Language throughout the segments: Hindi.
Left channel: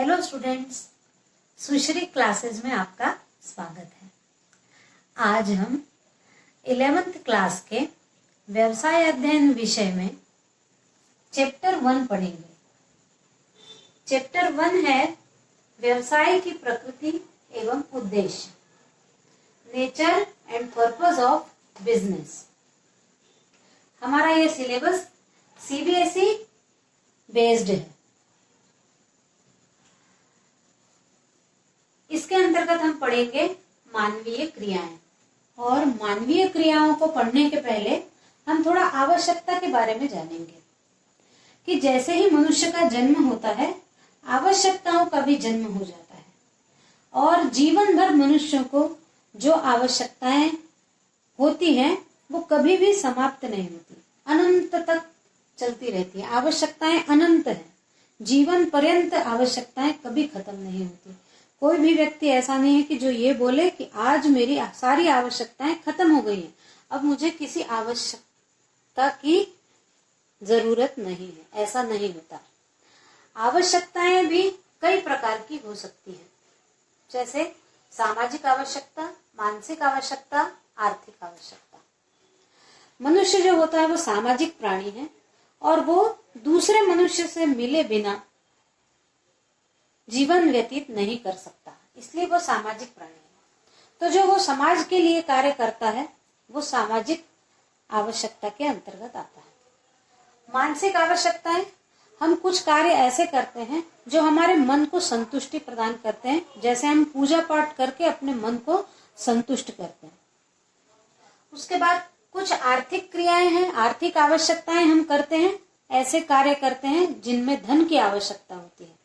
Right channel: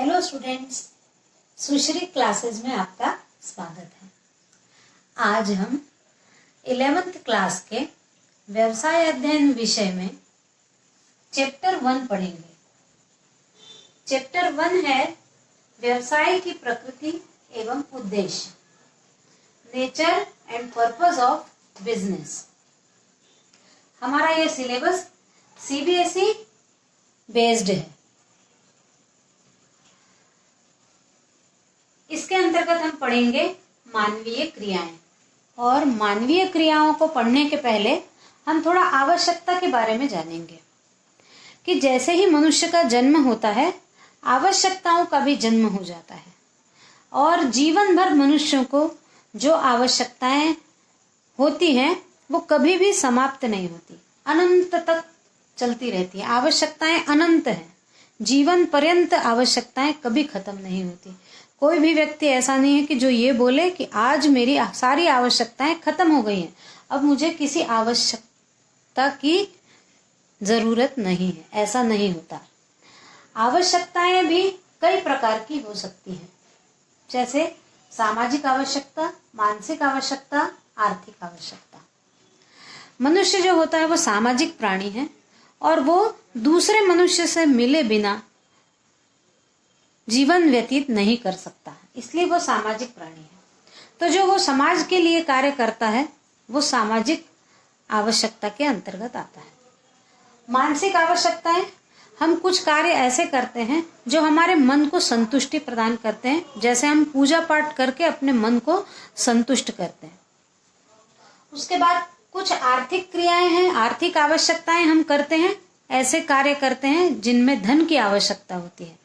हेलो स्टूडेंट्स, सुश्री क्लासेस में आपका स्वागत है। आज हम 11th क्लास के व्यवसाय अध्ययन विषय में चैप्टर 1 पढ़ेंगे। चैप्टर 1 है व्यवसाय की प्रकृति एवं उद्देश्य, nature and purpose of business. हमारा यह सिलेबस सीबीएसई बेस्ड है। इसके अंतर्गत हम पढ़ेंगे मानवीय क्रियाएं, और मानवीय क्रियाओं को पढ़ने के पहले हम थोड़ा आवश्यकता के बारे में जानेंगे कि जैसे ही मनुष्य का जन्म होता है, आवश्यकताओं का भी जन्म हो जाता है, और जीवन भर मनुष्यों को जो आवश्यकताएं होती हैं वो कभी भी समाप्त नहीं होती, अनंत तक चलती रहती है। आवश्यकताएं अनंत हैं, जीवन पर्यंत आवश्यकताएं कभी खत्म नहीं होती। कोई भी व्यक्ति ऐसा नहीं है कि जो ये बोले कि आज मेरी सारी आवश्यकताएं खत्म हो गई हैं, अब मुझे किसी आवश्यकता की जरूरत नहीं है, ऐसा नहीं होता। आवश्यकताएं भी कई प्रकार की हो सकती हैं, जैसे सामाजिक आवश्यकता, मानसिक आवश्यकता, आर्थिक आवश्यकता। मनुष्य जो होता है वो सामाजिक प्राणी है, और वो दूसरे मनुष्य से मिले बिना जीवन व्यतीत नहीं कर सकता, इसलिए वो सामाजिक प्राणी है। तो जो वो समाज के लिए कार्य करता है वो सामाजिक आवश्यकता के अंतर्गत आता है। मानसिक आवश्यकताएं, हम कुछ कार्य ऐसे करते हैं जो हमारे मन को संतुष्टि प्रदान करते हैं, जैसे हम पूजा पाठ करके अपने मन को संतुष्ट करते हैं। उसके बाद कुछ आर्थिक क्रियाएं हैं, आर्थिक आवश्यकताएं हम करते हैं, ऐसे कार्य करते हैं जिनमें धन की आवश्यकता होती है,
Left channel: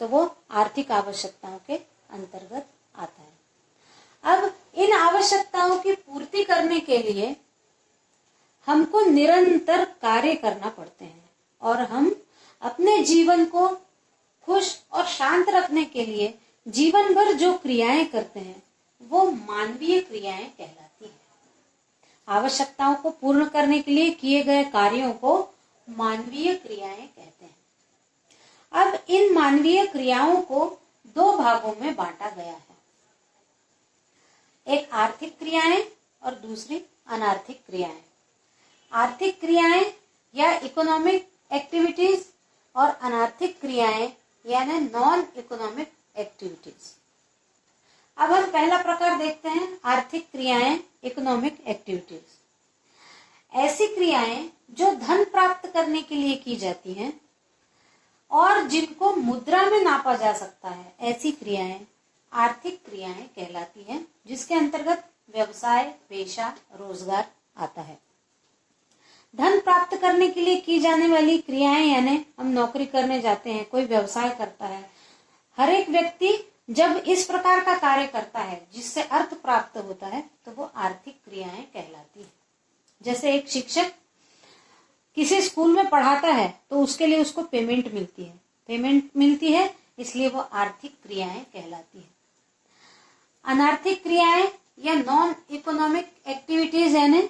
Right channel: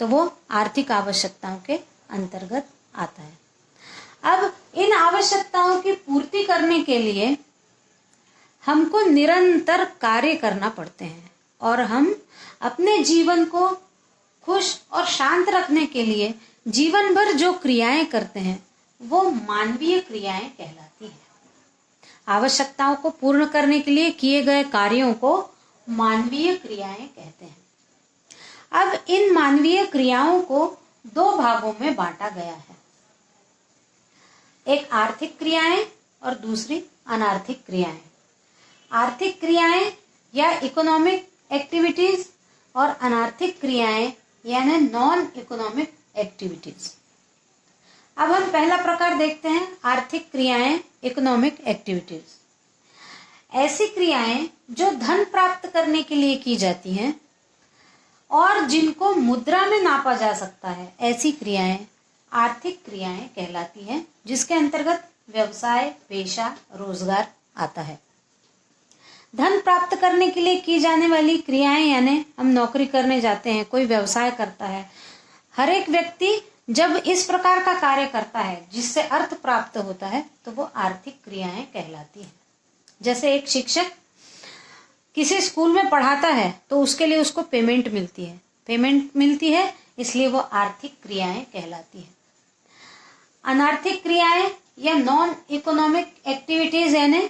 तो वो आर्थिक आवश्यकताओं के अंतर्गत आता है। अब इन आवश्यकताओं की पूर्ति करने के लिए हमको निरंतर कार्य करना पड़ते हैं, और हम अपने जीवन को खुश और शांत रखने के लिए जीवन भर जो क्रियाएं करते हैं वो मानवीय क्रियाएं कहलाती हैं। आवश्यकताओं को पूर्ण करने के लिए किए गए कार्यों को मानवीय क्रियाएं कहते हैं। अब इन मानवीय क्रियाओं को दो भागों में बांटा गया है, एक आर्थिक क्रियाएं और दूसरी अनार्थिक क्रियाएं। आर्थिक क्रियाएं या इकोनॉमिक एक्टिविटीज, और अनार्थिक क्रियाएं यानी नॉन इकोनॉमिक एक्टिविटीज। अब हम पहला प्रकार देखते हैं, आर्थिक क्रियाएं, इकोनॉमिक एक्टिविटीज। ऐसी क्रियाएं जो धन प्राप्त करने के लिए की जाती हैं और जिनको मुद्रा में नापा जा सकता है, ऐसी क्रियाएं आर्थिक क्रियाएं कहलाती हैं, जिसके अंतर्गत व्यवसाय, पेशा, रोजगार आता है। धन प्राप्त करने के लिए की जाने वाली क्रियाएं यानी हम नौकरी करने जाते हैं, कोई व्यवसाय करता है। हर एक व्यक्ति जब इस प्रकार का कार्य करता है जिससे अर्थ प्राप्त होता है तो वो आर्थिक क्रियाएं कहलाती हैं। जैसे एक शिक्षक किसी स्कूल में पढ़ाता है तो उसके लिए उसको पेमेंट मिलती है, इसलिए वो आर्थिक क्रियाएं कहलाती हैं। अनार्थिक क्रियाएं या नॉन इकोनॉमिक एक्टिविटीज यानी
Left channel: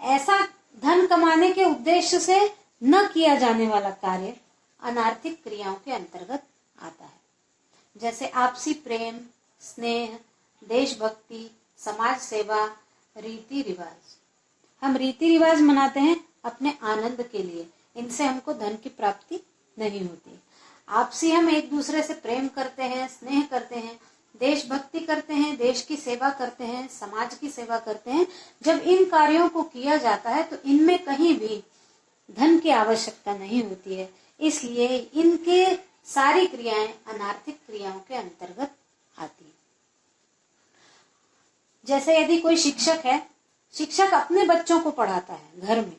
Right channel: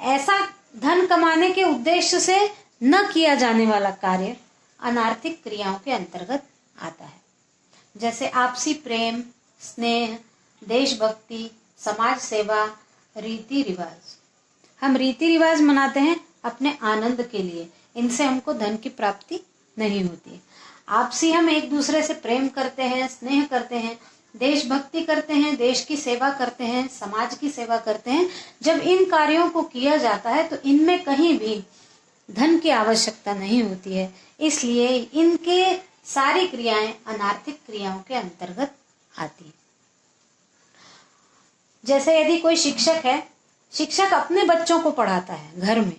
ऐसा धन कमाने के उद्देश्य से न किया जाने वाला कार्य अनार्थिक क्रियाओं के अंतर्गत आता है। जैसे आपसी प्रेम, स्नेह, देशभक्ति, समाज सेवा, रीति रिवाज। हम रीति रिवाज मनाते हैं अपने आनंद के लिए, इनसे हमको धन की प्राप्ति नहीं होती। आपसी हम एक दूसरे से प्रेम करते हैं, स्नेह करते हैं, देशभक्ति करते हैं, देश की सेवा करते हैं, समाज की सेवा करते हैं। जब इन कार्यों को किया जाता है तो इनमें कहीं भी धन की आवश्यकता नहीं होती है, इसलिए इनके सारी क्रियाएं अनार्थिक क्रियाओं के अंतर्गत आती है। जैसे यदि कोई शिक्षक है, शिक्षक अपने बच्चों को पढ़ाता है घर में,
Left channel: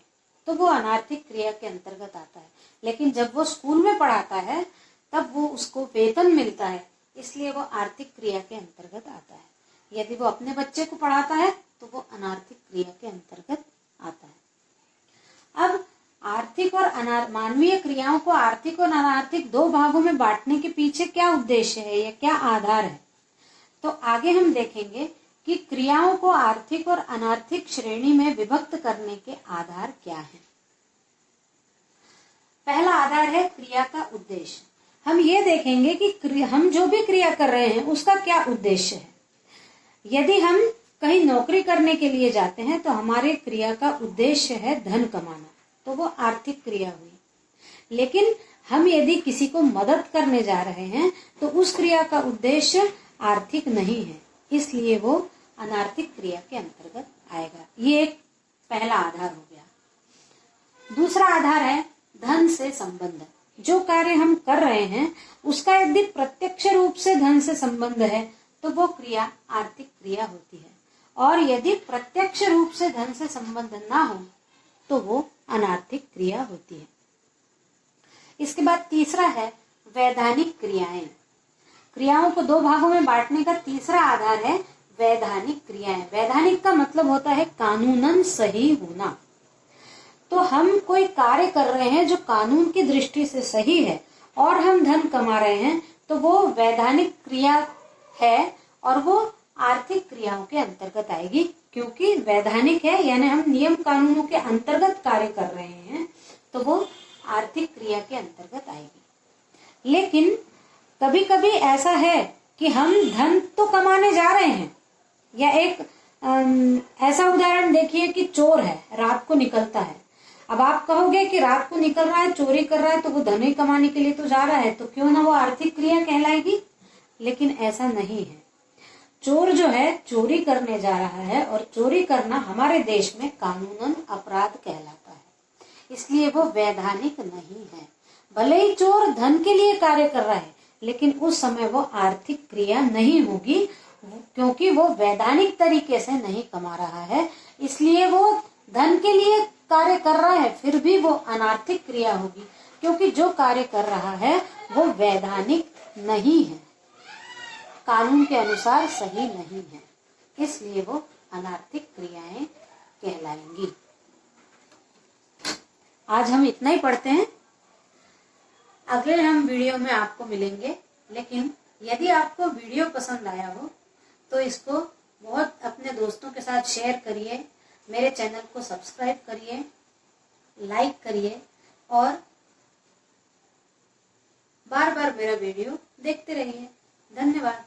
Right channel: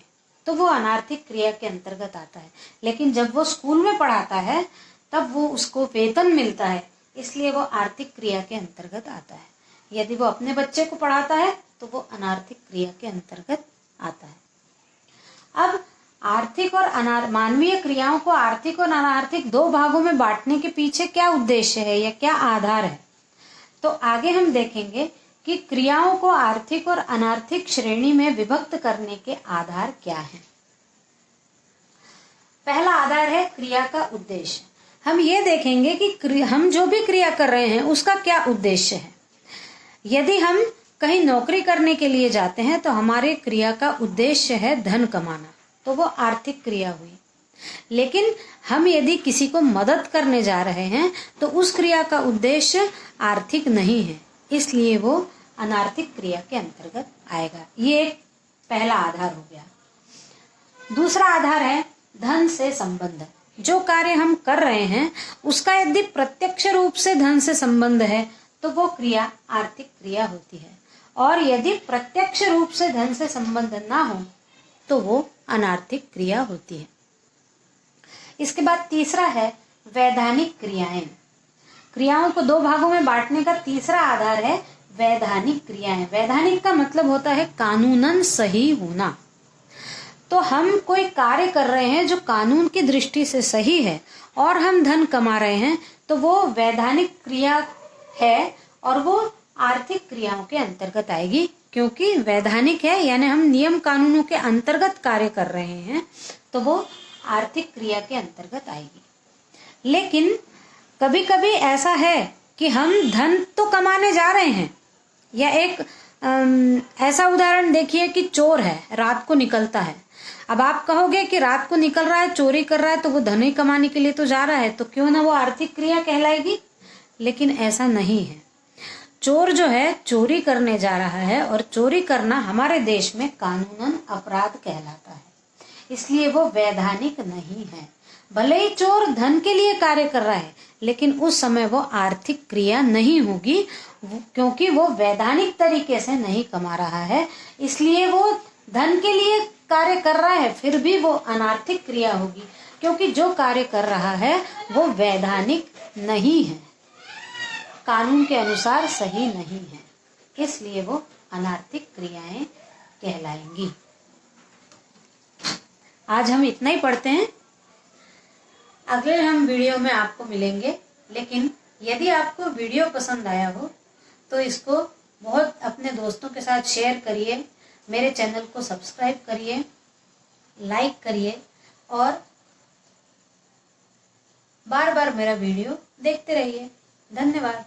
तो वो अनार्थिक क्रिया के अंतर्गत आता है। लेकिन जब वो स्कूल में पढ़ाता है तब वो उसको वेतन मिलता है, इसलिए वो आर्थिक क्रिया के अंतर्गत आता है। यदि वो अपने बच्चे को पढ़ाता है तो वो अनार्थिक क्रिया के अंतर्गत आता है। अब आर्थिक और मानवीय क्रियाओं को आर्थिक और अनार्थिक दो भागों में बांटने के पीछे क्या उद्देश्य है या क्या आधार है, तो आगे हम देखेंगे कि क्रियाओं को आर्थिक और अनार्थिक श्रेणी में विभक्त करने के आधार क्या हैं। पहला आधार है क्रिया का उद्देश्य। हम ये देखेंगे कि हम जो भी क्रिया कर रहे हैं उसका क्या उद्देश्य है। यदि हम कहीं नौकरी करने के लिए जाते हैं तो हमारे क्रिया का उद्देश्य है धन कमाना, तो वो आर्थिक क्रिया हुई। लेकिन हम यदि किसी को मदद करने जा रहे हैं तो उस क्रिया का उद्देश्य आर्थिक नहीं है, इसलिए वो अनार्थिक क्रिया के अंतर्गत आएगा। ये एक पहला आधार हो गया। दूसरा आधार है धन से संबंध। जो कार्य हम कर रहे हैं उसका यदि प्रत्यक्ष रूप से धन से संबंध है तो वो क्रिया आर्थिक क्रिया होती है, और यदि प्रत्यक्ष रूप से धन से संबंध ना हो तो वो अनार्थिक क्रिया होती है। इसके बाद तीसरा है वैधानिक क्रियाएं। क्रियाओं को दो भागों में बांटने का तीसरा आधार है वैधानिक क्रियाएं। वैधानिक का मतलब होता है कानूनन सही होना। तो हम कोई कार्य कर रहे हैं जो कानून की दृष्टि से सही है और हम धन कमा रहे हैं तो वो वैधानिक क्रिया है और वो आर्थिक क्रियाओं के अंतर्गत आएगी, क्योंकि वैधानिक है यानी हम नियम कानूनों के अंतर्गत कार्य कर रहे हैं तो वो आर्थिक क्रिया के अंतर्गत आएगी। लेकिन कभी कभी ऐसा है कि हम धन तो कमाने जा रहे हैं, या एक ऐसा उदाहरण देखिए कि चोर है, रात को निकलता है। अब आप कहोगे कि रात को निकल रहा है, चोरी कर रहा है, तो वो धन ही कमाने के लिए तो जा रहा है, तो क्यों ना वो आर्थिक क्रिया कहलाएगी। लेकिन ऐसा नहीं है। चोर जो है चोरी करने जा रहा है, और चोरी करना हमारे देश में कानूनन अपराध कहलाता है, इसलिए वो वैधानिक नहीं है। भले ही चोर धन के लिए कार्य कर रहा है, लेकिन उस समय वो आर्थिक क्रिया नहीं होगी, क्योंकि वो वैधानिक तरीके से नहीं कमा रहा है, इसलिए वो धन के लिए कार्य कर रहा है, फिर भी वो अनार्थिक क्रिया होगी, क्योंकि जो कार्य कर रहा है वो वैधानिक नहीं है, कानून के अनुसार सही नहीं है, इसलिए वो अनार्थिक क्रियाएं कहलाएंगी। आज हम इतना ही पढ़ते हैं। अगले हम वीडियो में आपको मिलेंगे। लेकिन यदि आपको वीडियो पसंद आया हो तो इसको बहुत अपने दोस्तों के साथ शेयर करिए, मेरे चैनल को सब्सक्राइब करिए, लाइक करिए, और बार बार मेरा वीडियो देखते रहिए। धन्यवाद।